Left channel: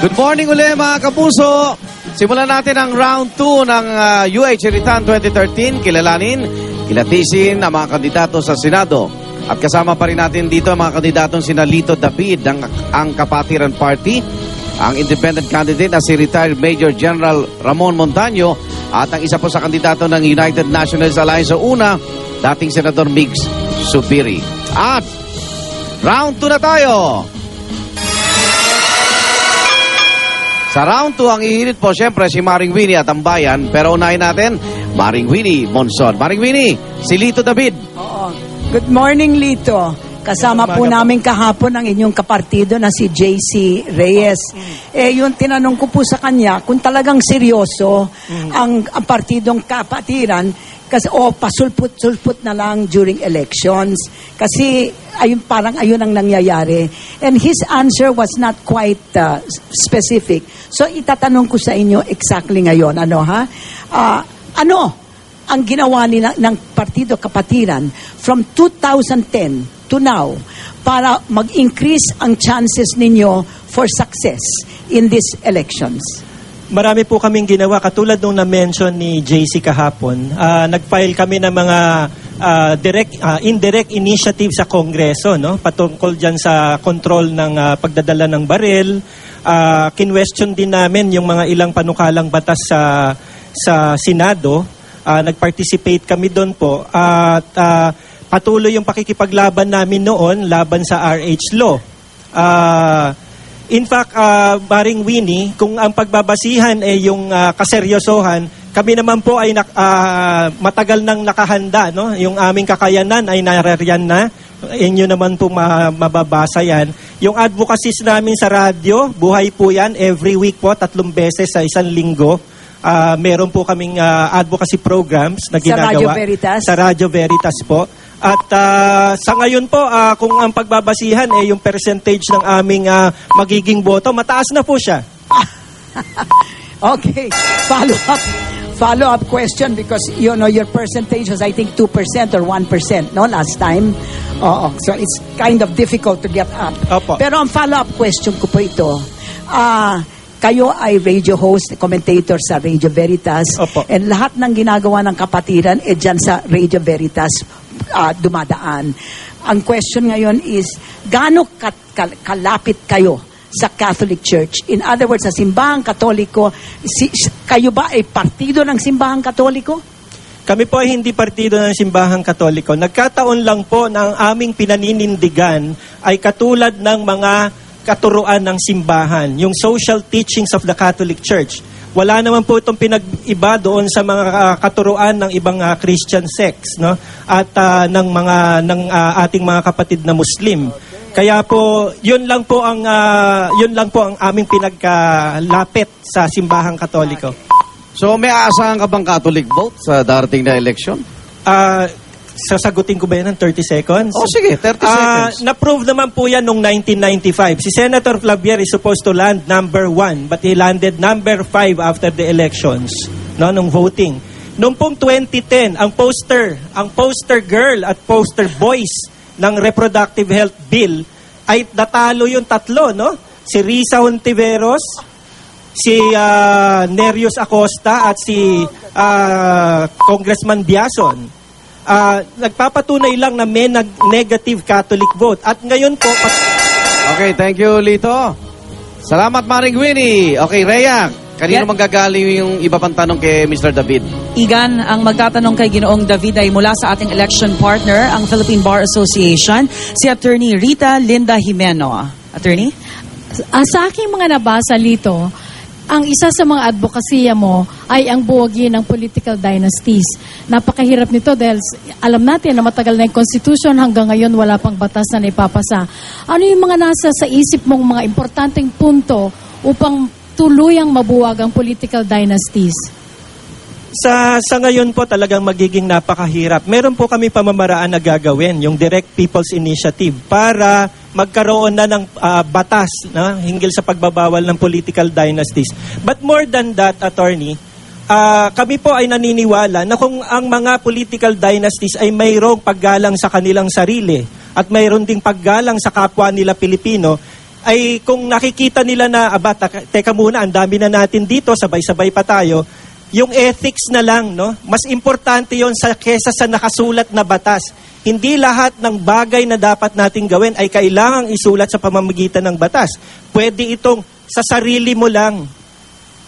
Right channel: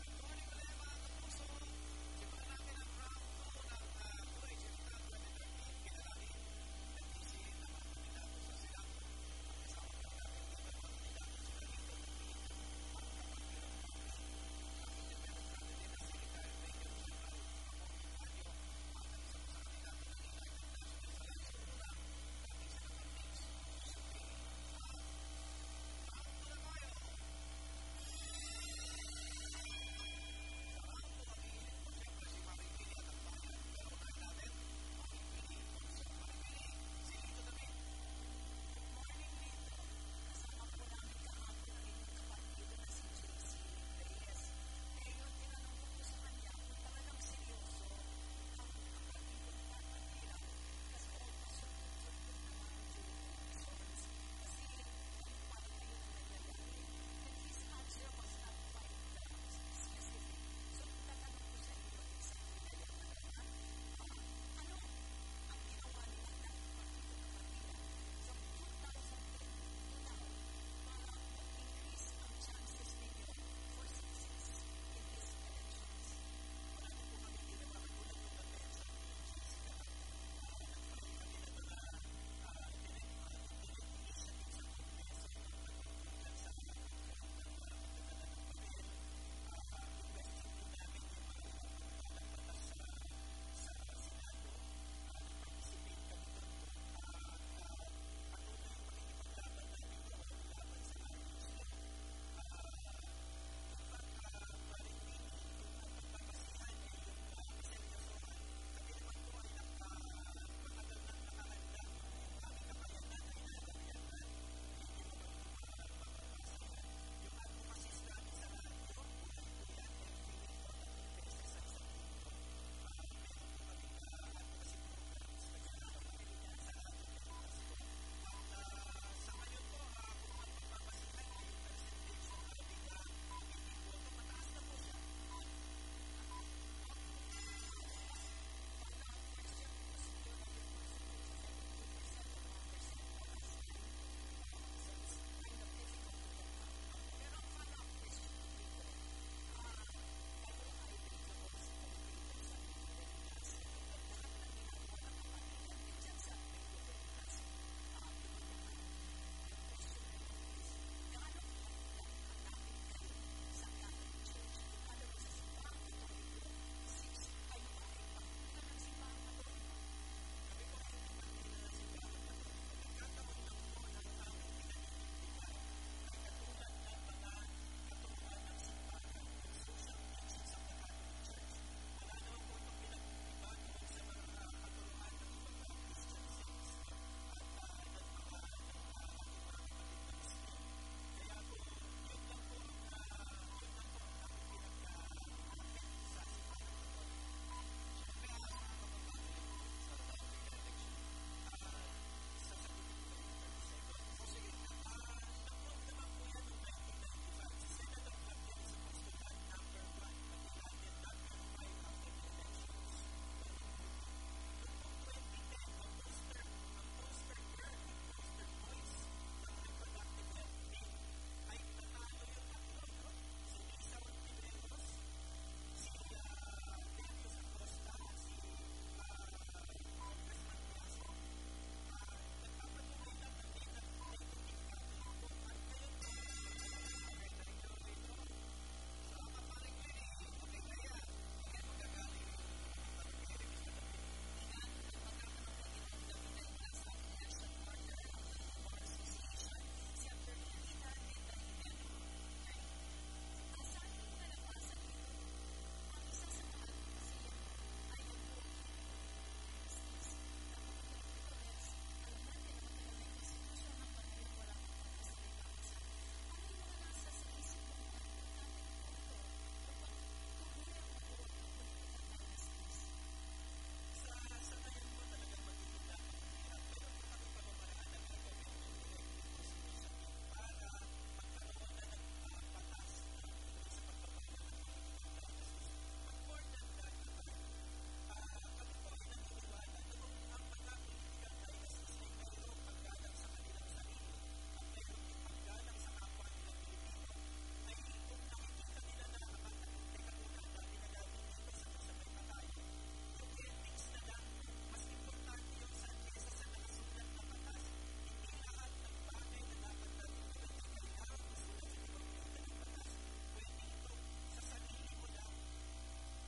Good morning uli mga kapuso. Simulan natin ang round 2 ng UH Iritan 2013. Kilalanin, kilatisin ang mga kandidato sa Senado. At kasama pa rin natin dito ang mga kandidatong sina Lito David ng ang Kapatiran Party, ang independent candidate na si retired Major General Ramon Montaño, at ang isa po sa kandidato ng United Nationalist Alliance o UNA, dating Senador Migs Subiri. At round 2 na tayo. Sa round 2, ang ihirit po siyempre si Maring Winnie at ang bayan. Pero unahin natin, Maring Winnie Monson. Maring Winnie, si Lito David. Oo. Good morning, Lito. Kasama po namin kahapon ang inyong kapartido na si JC Reyes. Yung tinanong ko po sa kanya, kung talagang seryoso ang partidong Kapatiran, kasi pasulput-sulput na lang during elections. Kasi parang ayun ang nangyayari. And his answer was not quite specific. So itatanong ko sa inyo exactly ngayon. Ano ang ginawa nila ng Partido Kapatiran from 2010 to now para mag-increase ang chances ninyo for success in these elections? Marami po kaming ginawa. Katulad nung na-mention ni JC kahapon, nag-file kami ng mga indirect initiative sa Kongreso, no? Patungkol dyan sa control ng pagdadala ng baril. Kinwestiyon din namin yung mga ilang panukalang batas sa Senado. Nag-participate kami doon po. At patuloy yung pakikipaglaban namin noon laban sa RH law. In fact, Maring Winnie, kung ang pagbabasihan ay yung kaseryosohan, kami naman po ay matagal nang nakahanda, no? Yung aming kakayanan ay narariyan na. Inyo naman po mababasa yan. Yung advocacies namin sa radyo, buhay po yan. Every week po, 3 beses sa isang linggo. Meron po kaming advocacy programs na ginagawa. Sa Radyo Veritas? Sa Radyo Veritas po. At sa ngayon po, kung ang pagbabasihan yung percentage ng aming magiging boto, mataas na po siya. Okay. Follow-up question because, you know, your percentage was, I think, 2% or 1%, no, last time. So it's kind of difficult to get up. Opo. Pero ang follow-up question ko po ito, kayo ay radio host, commentator sa Radio Veritas. Opo. And lahat ng ginagawa ng Kapatiran, dyan sa Radio Veritas dumadaan. Ang question ngayon is, gaano kalapit kayo sa Catholic Church? In other words, sa Simbahang Katoliko, kayo ba ay partido ng Simbahang Katoliko? Kami po ay hindi partido ng Simbahang Katoliko. Nagkataon lang po na ang aming pinaninindigan ay katulad ng mga katuruan ng simbahan, yung social teachings of the Catholic Church. Wala naman po itong pinag-iba doon sa mga katuruan ng ibang Christian sects, no? At ng ating mga kapatid na Muslim. Kaya po, yun lang po ang aming pinagkalapit sa Simbahang Katoliko. So may aasahan ka bang Catholic vote sa darating na election? Sasagutin ko ba yan ng 30 seconds? Oh, sige, 30 seconds. Na-prove naman po yan noong 1995. Si Senator Flavier is supposed to land number 1, but he landed number 5 after the elections, no, nung voting. Noong pong 2010, ang poster girl at poster boys ng Reproductive Health Bill ay natalo yung 3, no? Si Risa Hontiveros, si Nerius Acosta at si Congressman Biason. Nagpapatunay lang na may negative Catholic vote. At ngayon po... Okay, thank you, Lito. Salamat, Maring Winnie. Okay, Rhea, kanino manggagaling yung iba pang tanong kay Mr. David? Igan, ang magtatanong kay Ginoong David ay mula sa ating election partner, ang Philippine Bar Association, si Attorney Rita Linda Jimeno. Attorney? Sa aking mga nabasa, Lito, ang isa sa mga advokasya mo ay ang buwagi ng political dynasties. Napakahirap nito dahil alam natin na matagal na yung Constitution, hanggang ngayon wala pang batas na naipapasa. Ano yung mga nasa sa isip mong mga importanteng punto upang tuluyang mabuwag ang political dynasties? Sa ngayon po talagang magiging napakahirap. Meron po kami pamamaraan na gagawin, yung Direct People's Initiative, para magkaroon na ng batas na hinggil sa pagbabawal ng political dynasties. But more than that, Attorney, kami po ay naniniwala na kung ang mga political dynasties ay mayroong paggalang sa kanilang sarili at mayroon ding paggalang sa kapwa nila Pilipino, ay kung nakikita nila na, teka muna, ang dami na natin dito, sabay-sabay pa tayo, yung ethics na lang, no? Mas importante yon kesa sa nakasulat na batas. Hindi lahat ng bagay na dapat nating gawin ay kailangang isulat sa pamamagitan ng batas. Pwede itong sa sarili mo lang,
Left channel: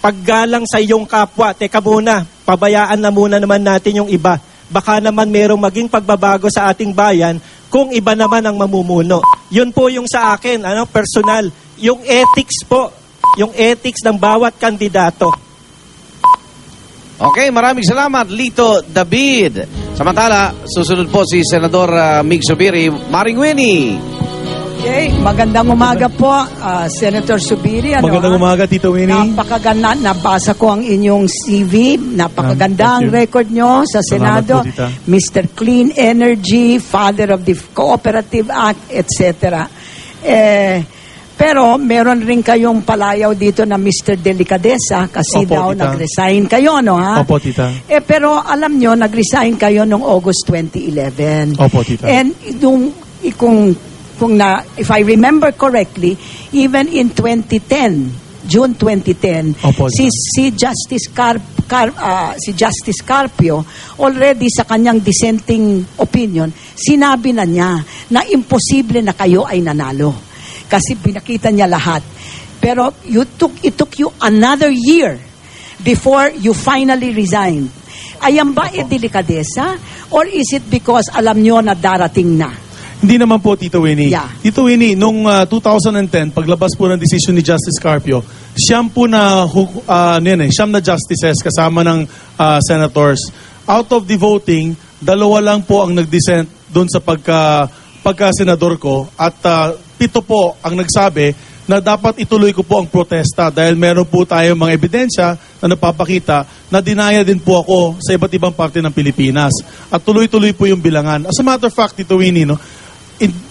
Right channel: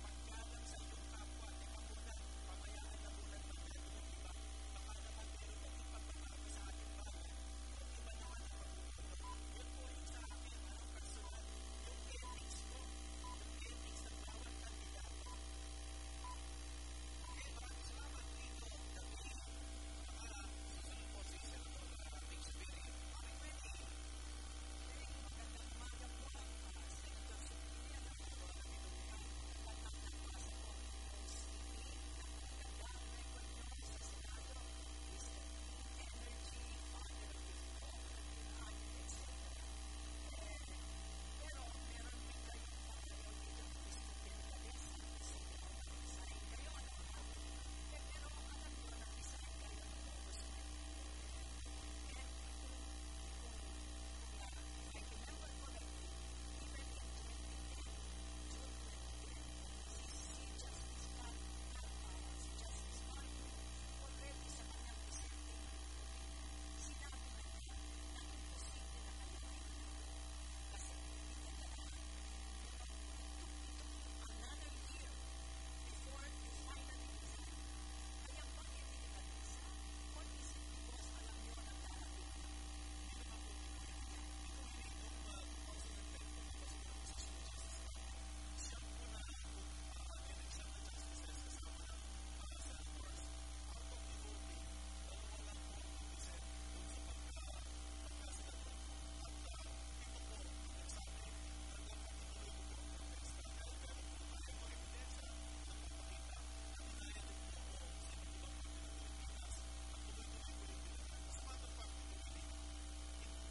paggalang sa iyong kapwa, teka muna, pabayaan na muna naman natin yung iba. Baka naman merong maging pagbabago sa ating bayan kung iba naman ang mamumuno. Yun po yung sa akin, personal. Yung ethics po, yung ethics ng bawat kandidato. Okay, maraming salamat, Lito David. Samantala, susunod po si Senador Mig Zubiri. Maring Winnie. Okay, magandang umaga po, Senator Zubiri. Magandang umaga, Tito Winnie. Napakaganda, nabasa ko ang inyong CV. Napakaganda ang record nyo sa Senado. Salamat po, Tita. Mr. Clean Energy, Father of the Cooperative Act, etc. Pero meron rin kayong palayaw dito na Mr. Delicadeza kasi Opo, daw Tita. nag-resign kayo, no ha? Opo, Tita. Pero alam nyo, nag-resign kayo noong August 2011. Opo, Tita. And if I remember correctly, even in 2010, June 2010, Opo, si Justice Carpio, already sa kanyang dissenting opinion, sinabi na niya na imposible na kayo ay nanalo. Kasi pinakita niya lahat. Pero it took you another year before you finally resigned. Ayan ba delikadesa? Or is it because alam nyo na darating na? Hindi naman po, Tito Winnie. Yeah. Tito Winnie, nung 2010, paglabas po ng decision ni Justice Carpio, siyam na justices kasama ng senators. Out of the voting, 2 lang po ang nag-dissent doon sa pagka-senador ko at 7 po ang nagsabi na dapat ituloy ko po ang protesta dahil meron po tayo mga ebidensya na napapakita na dinaya din po ako sa iba't ibang parte ng Pilipinas. At tuloy-tuloy po yung bilangan. As a matter of fact, Tito Winnie,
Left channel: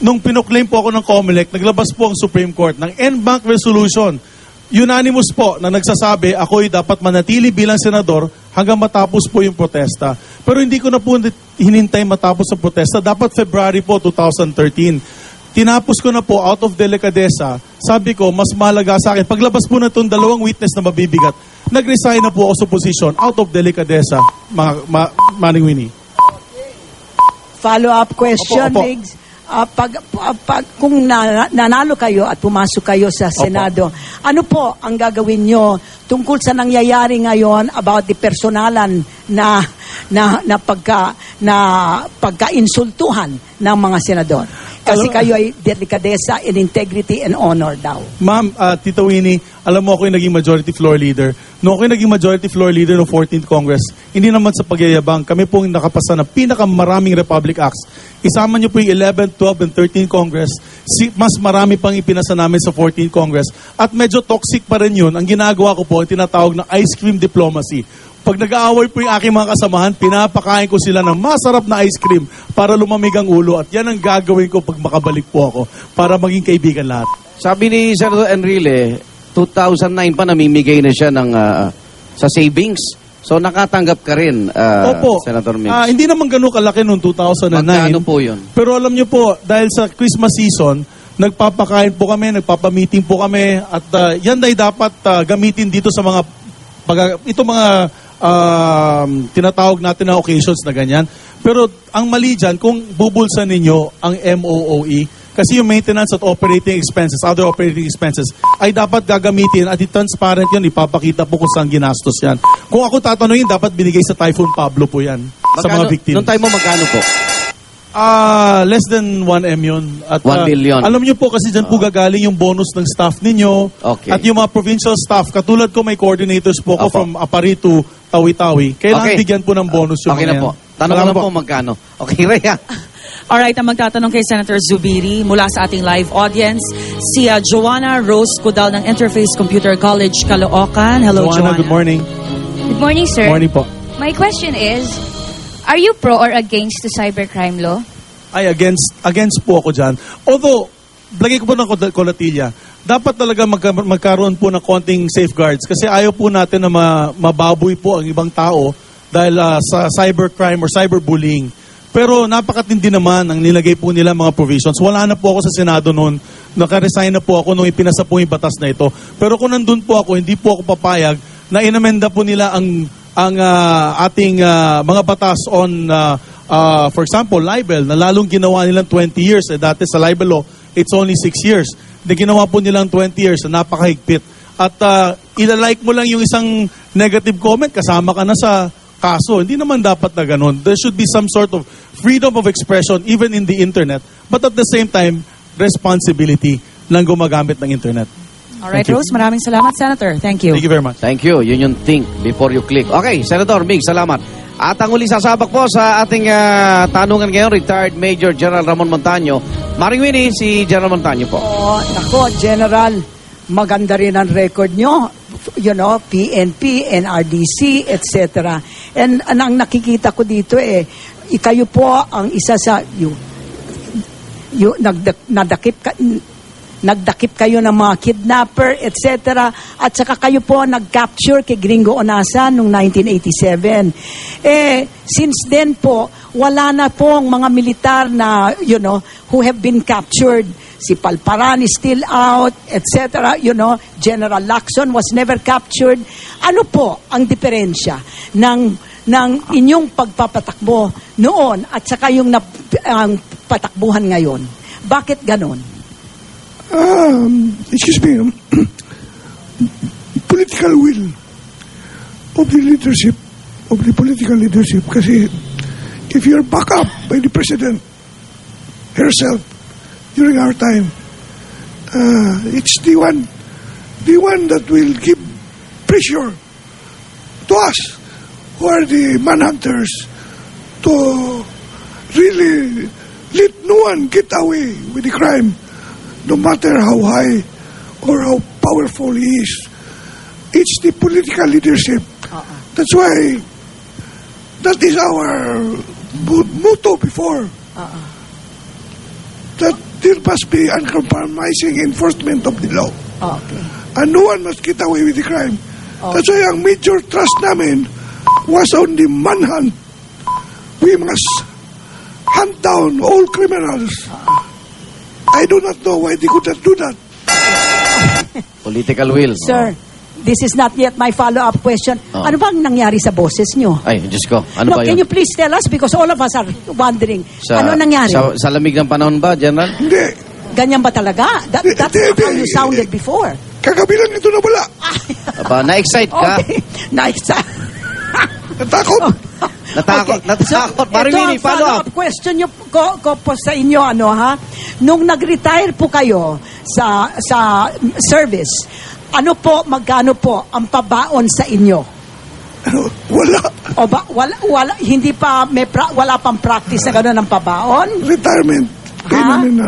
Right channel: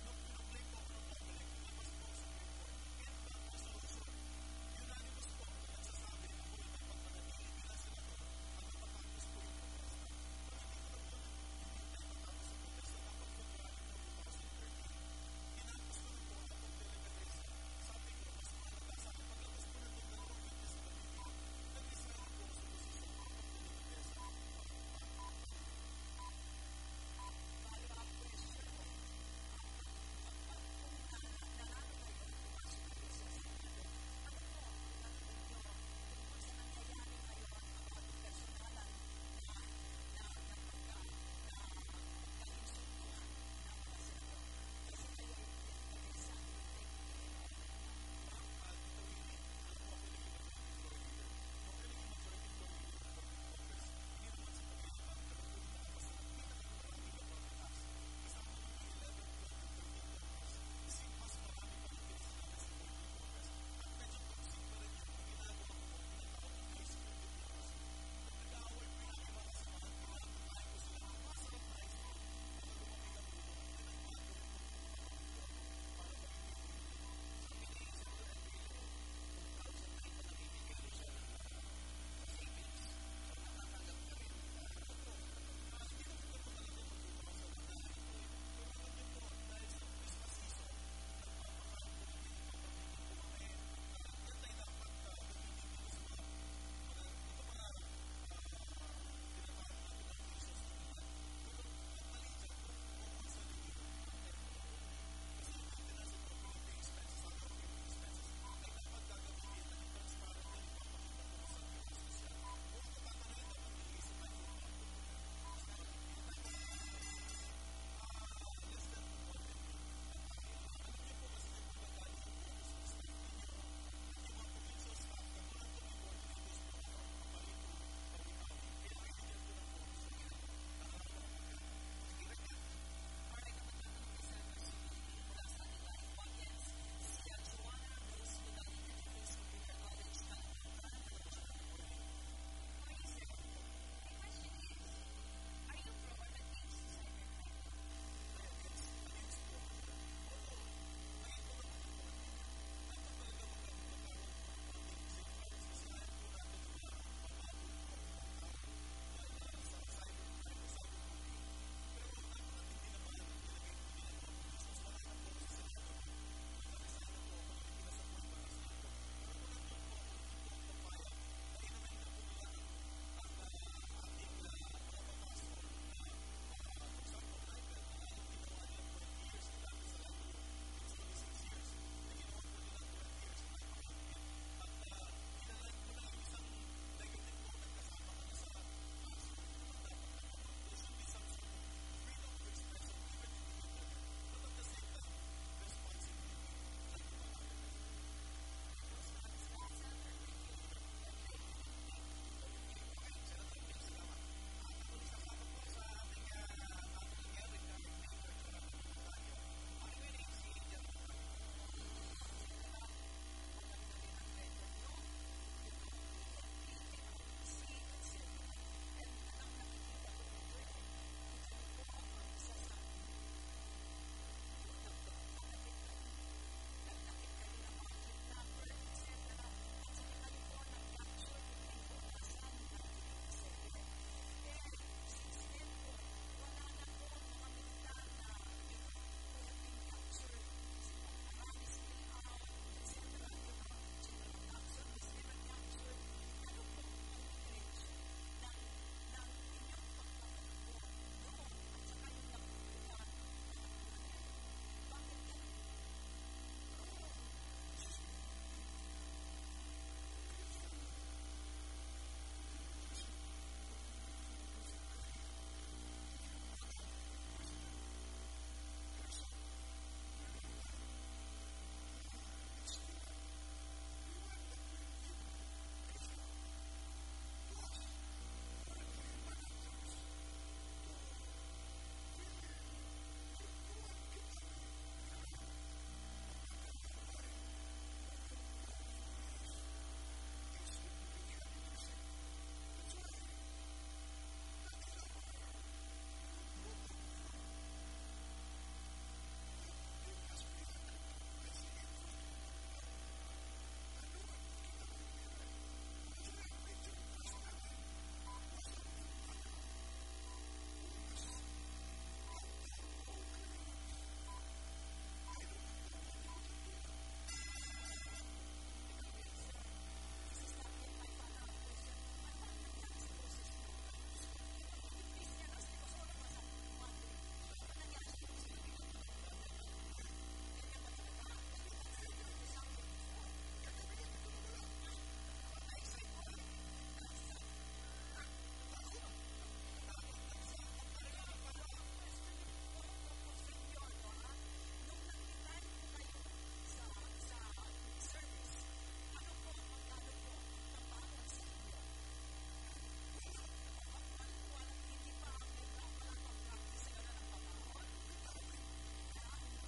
nung pinoclaim po ako ng COMELEC, naglabas po ang Supreme Court ng en banc resolution. Unanimous po na nagsasabi ako'y dapat manatili bilang senador hanggang matapos po yung protesta. Pero hindi ko na po hinintay matapos ang protesta. Dapat February po 2013. Tinapos ko na po out of delicadeza. Sabi ko, mas mahalaga sa akin. Paglabas po na itong 2 witness na mabibigat, nag-resign na po ako sa position out of delicadeza, Manning Winnie. Follow-up question, Opo. Migs. Kung nanalo kayo at pumasok kayo sa Senado, ano po ang gagawin nyo tungkol sa nangyayari ngayon about the personalan na pagka-insultuhan ng mga senador? Kasi kayo ay delikadesa in integrity and honor daw. Ma'am, Tito Winnie, alam mo ako yung naging majority floor leader. Noong ako yung naging majority floor leader ng 14th Congress, hindi naman sa pagyayabang, kami pong nakapasa ng pinakamaraming Republic Acts. Isama niyo po yung 11th, 12th, and 13th Congress. Mas marami pang ipinasa namin sa 14th Congress. At medyo toxic pa rin yun. Ang ginagawa ko po, ang tinatawag na ice cream diplomacy. Pag nag-aaway po yung aking mga kasamahan, pinapakain ko sila ng masarap na ice cream para lumamig ang ulo. At yan ang gagawin ko pag makabalik po ako para maging kaibigan lahat. Sabi ni Senator Enrile, 2009 pa namimigay na siya ng sa savings. So nakatanggap ka rin, Opo. Senator Mix. Hindi naman ganun kalaki noong 2009. Magkano po yun? Pero alam nyo po, dahil sa Christmas season, nagpapakain po kami, nagpapamiting po kami, at yan ay dapat gamitin dito sa mga tinatawag natin na occasions na ganyan. Pero ang mali dyan, kung bubulsan ninyo ang MOOE, kasi yung maintenance at operating expenses, other operating expenses, ay dapat gagamitin at i-transparent yun, ipapakita po kung saan ginastos yan. Kung ako tatanungin, dapat binigay sa Typhoon Pablo po yan, sa mga victims. Noong time mo, magkano po? Less than 1M yun. At, 1 million. Alam nyo po kasi dyan po gagaling yung bonus ng staff ninyo. Okay. At yung mga provincial staff, katulad ko may coordinators po ko Opo. from Apari to Tawi-Tawi. Kailangan Okay. bigyan po ng bonus yung Okay mga na po. yan. Tanong ko Salamat lang po magkano. Okay, Rhea. Alright, ang magtatanong kay Senator Zubiri mula sa ating live audience, si Joanna Rose Cudal ng Interface Computer College, Caloocan. Hello, Joanna. Good morning. Good morning, sir. Morning po. My question is, are you pro or against the cybercrime law? Ay, against po ako dyan. Although, lagay ko po ng kolatilya, dapat talaga magkaroon po ng konting safeguards kasi ayaw po natin na mababoy po ang ibang tao dahil sa cybercrime or cyberbullying. Pero napakatindi naman ang nilagay po nila mga provisions. Wala na po ako sa Senado noon. Nakaresign na po ako nung ipinasa po yung batas na ito. Pero kung nandun po ako, hindi po ako papayag na inamenda po nila ang ating mga batas on, for example, libel, na lalong ginawa nilang 20 years. Dati sa libel law, it's only 6 years. Ginawa po nilang 20 years na napakahigpit. At ilalike mo lang yung isang negative comment, kasama ka na sa kaso. Hindi naman dapat na ganun. There should be some sort of freedom of expression even in the internet, but at the same time, responsibility ng gumagamit ng internet. Alright, Thank you. Rose, maraming salamat, Senator. Thank you. Thank you very much. Thank you. Yun yung think before you click. Okay, Senator Mig, salamat. At ang uli sasabak po sa ating tanungan ngayon, retired Major General Ramon Montaño. Maring Winnie, si General Montaño po. Nako, General, maganda rin ang record nyo. You know, PNP, NRDC, etc. And ang nakikita ko dito kayo po ang isa sa nagdakip kayo ng mga kidnapper, etc. At saka kayo po nag-capture kay Gringo Onasa noong 1987. Since then po, wala na po ang mga militar na, who have been captured. Si Palparan is still out, etc. General Lacson was never captured. Ano po ang diferensya ng inyong pagpapatakbo noon at saka yung patakbuhan ngayon? Bakit ganon? Excuse me, political will of the leadership, of the political leadership, kasi if you're backed up by the President herself during our time, it's the one that will give pressure to us, who are the manhunters, to really let no one get away with the crime, no matter how high or how powerful he is. It's the political leadership. That's why that is our motto before. That there must be uncompromising enforcement of the law. Okay. And no one must get away with the crime. That's why ang major trust namin was on the manhunt. We must hunt down all criminals. I do not know why they could not do that. Political will. Sir, this is not yet my follow-up question. Ano bang nangyari sa boses nyo? Ay, Diyos ko. Ano ba Can yun? you please tell us? Because all of us are wondering. Ano nangyari? Sa lamig ng panahon ba, General? Hindi. Ganyan ba talaga? That's how you sounded before. Kagabi lang ito na wala. Aba, na-excite ka? Okay. Nice. Natakot. Natakot. Maring Winnie, Ito ang follow up. follow-up question ko po sa inyo, Nung nag-retire po kayo sa service, magkano po ang pabaon sa inyo? Wala. O ba, wala, hindi pa, wala pang practice na gano'n ng pabaon? Retirement.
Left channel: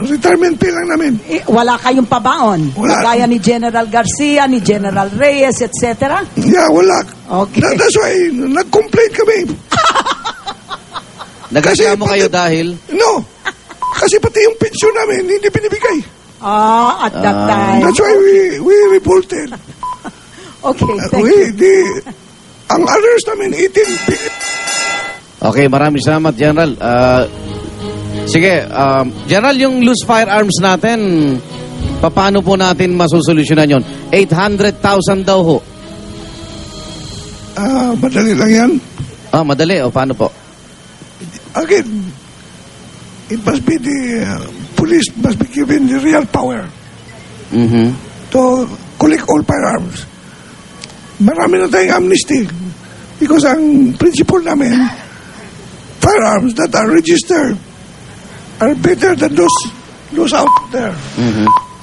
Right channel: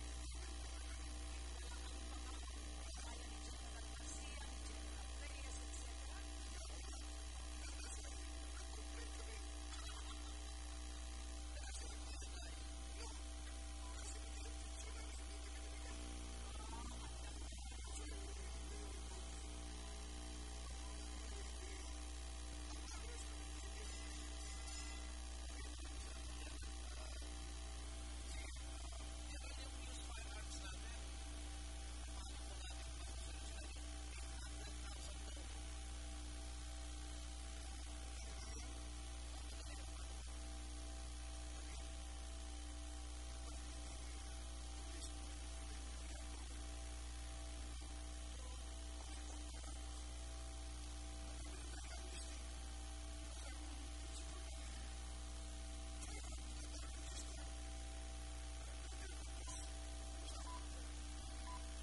Retirement pay lang namin. Wala kayong pabaon? Wala. Kagaya ni General Garcia, ni General Reyes, etc.? Yeah, wala. Okay. That's why, nag-complain kami. Nagreklamo kayo dahil? No. Kasi pati yung pensyon namin, hindi binibigay. At that time. That's why we revolted. Okay, thank you. Ang others namin, 18 billion. Okay, maraming salamat, General. Sige, General, yung loose firearms natin, paano po natin masusolusyonan yon? 800,000 daw ho. Madali lang yan. Madali. O, paano po? Again, it must be the police must be given the real power to collect all firearms. Marami na tayong amnesty because ang principle namin, firearms that are registered are better than those out there.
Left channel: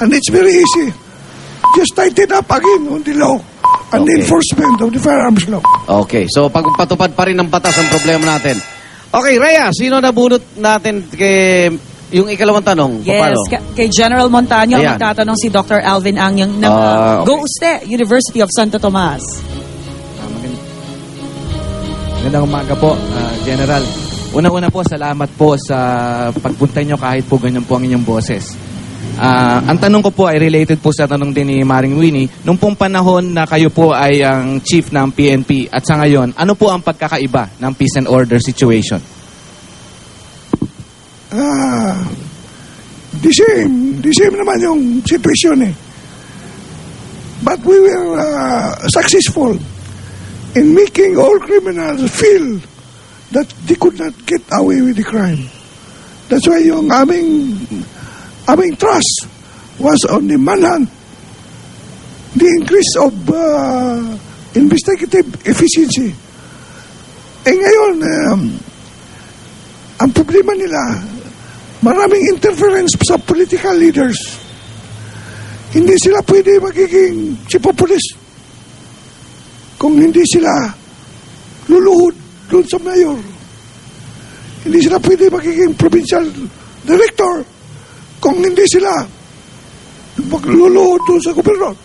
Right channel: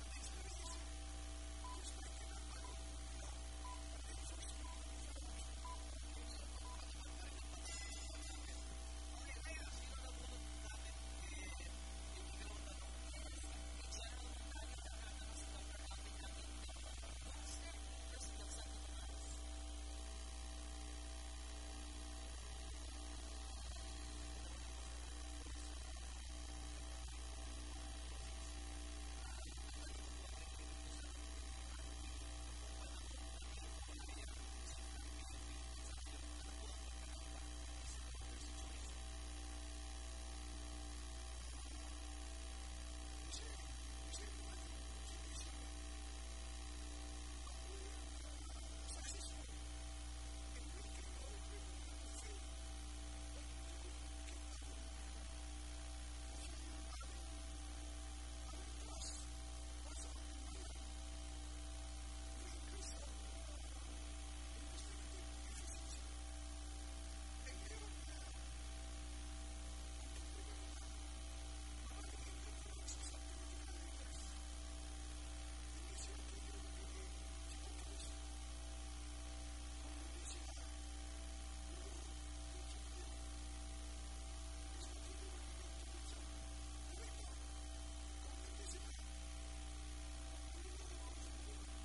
And it's very easy. Just tighten up again on the law and the enforcement of the firearms law. Okay, so pagpatupad pa rin ng batas ang problema natin. Okay, Rhea, sino nabunot natin kay yung ikalawang tanong? Yes, Paano? kay General Montaño, Ayan. magtatanong si Dr. Alvin Angyang ng Go Uste, University of Santo Tomas. Magandang umaga po, General. Una-una po, salamat po sa pagpunta nyo kahit po ganyan po ang inyong boses. Ang tanong ko po ay related po sa tanong din ni Maring Winnie. Nung pong panahon na kayo po ay ang chief ng PNP at sa ngayon, ano po ang pagkakaiba ng peace and order situation? the same naman yung sitwasyon eh. But we were successful in making all criminals feel that they could not get away with the crime. That's why yung aming trust was on the manhunt, the increase of investigative efficiency. Eh ngayon, ang problema nila, maraming interference sa political leaders. Hindi sila pwede magiging chief of police kung hindi sila luluhod doon sa mayor. Hindi sila pwede magiging provincial director kung hindi sila magluluhod doon sa gobernador.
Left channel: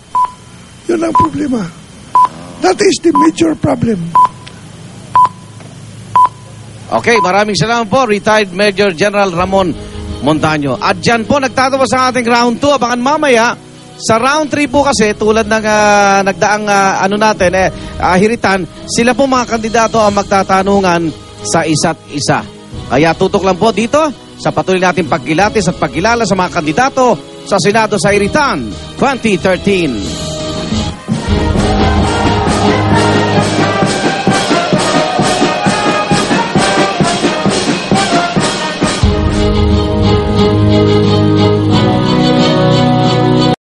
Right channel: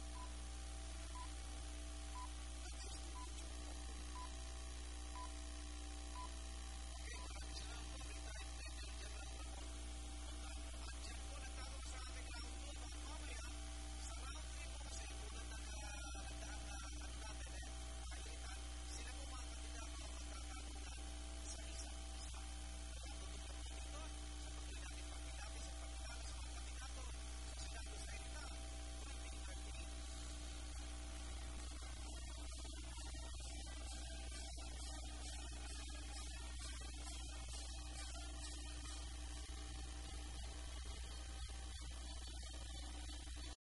Yun ang problema. That is the major problem. Okay, maraming salamat po, retired Major General Ramon Montaño. At dyan po, nagtatapos ang ating round 2. Abangan mamaya, sa round 3 po kasi, tulad ng nagdaang hiritan, sila po mga kandidato ang magtatanungan sa isa't isa. Kaya tutok lang po dito sa patuloy nating pagkilatis at pagkilala sa mga kandidato sa Senado sa Iritan 2013.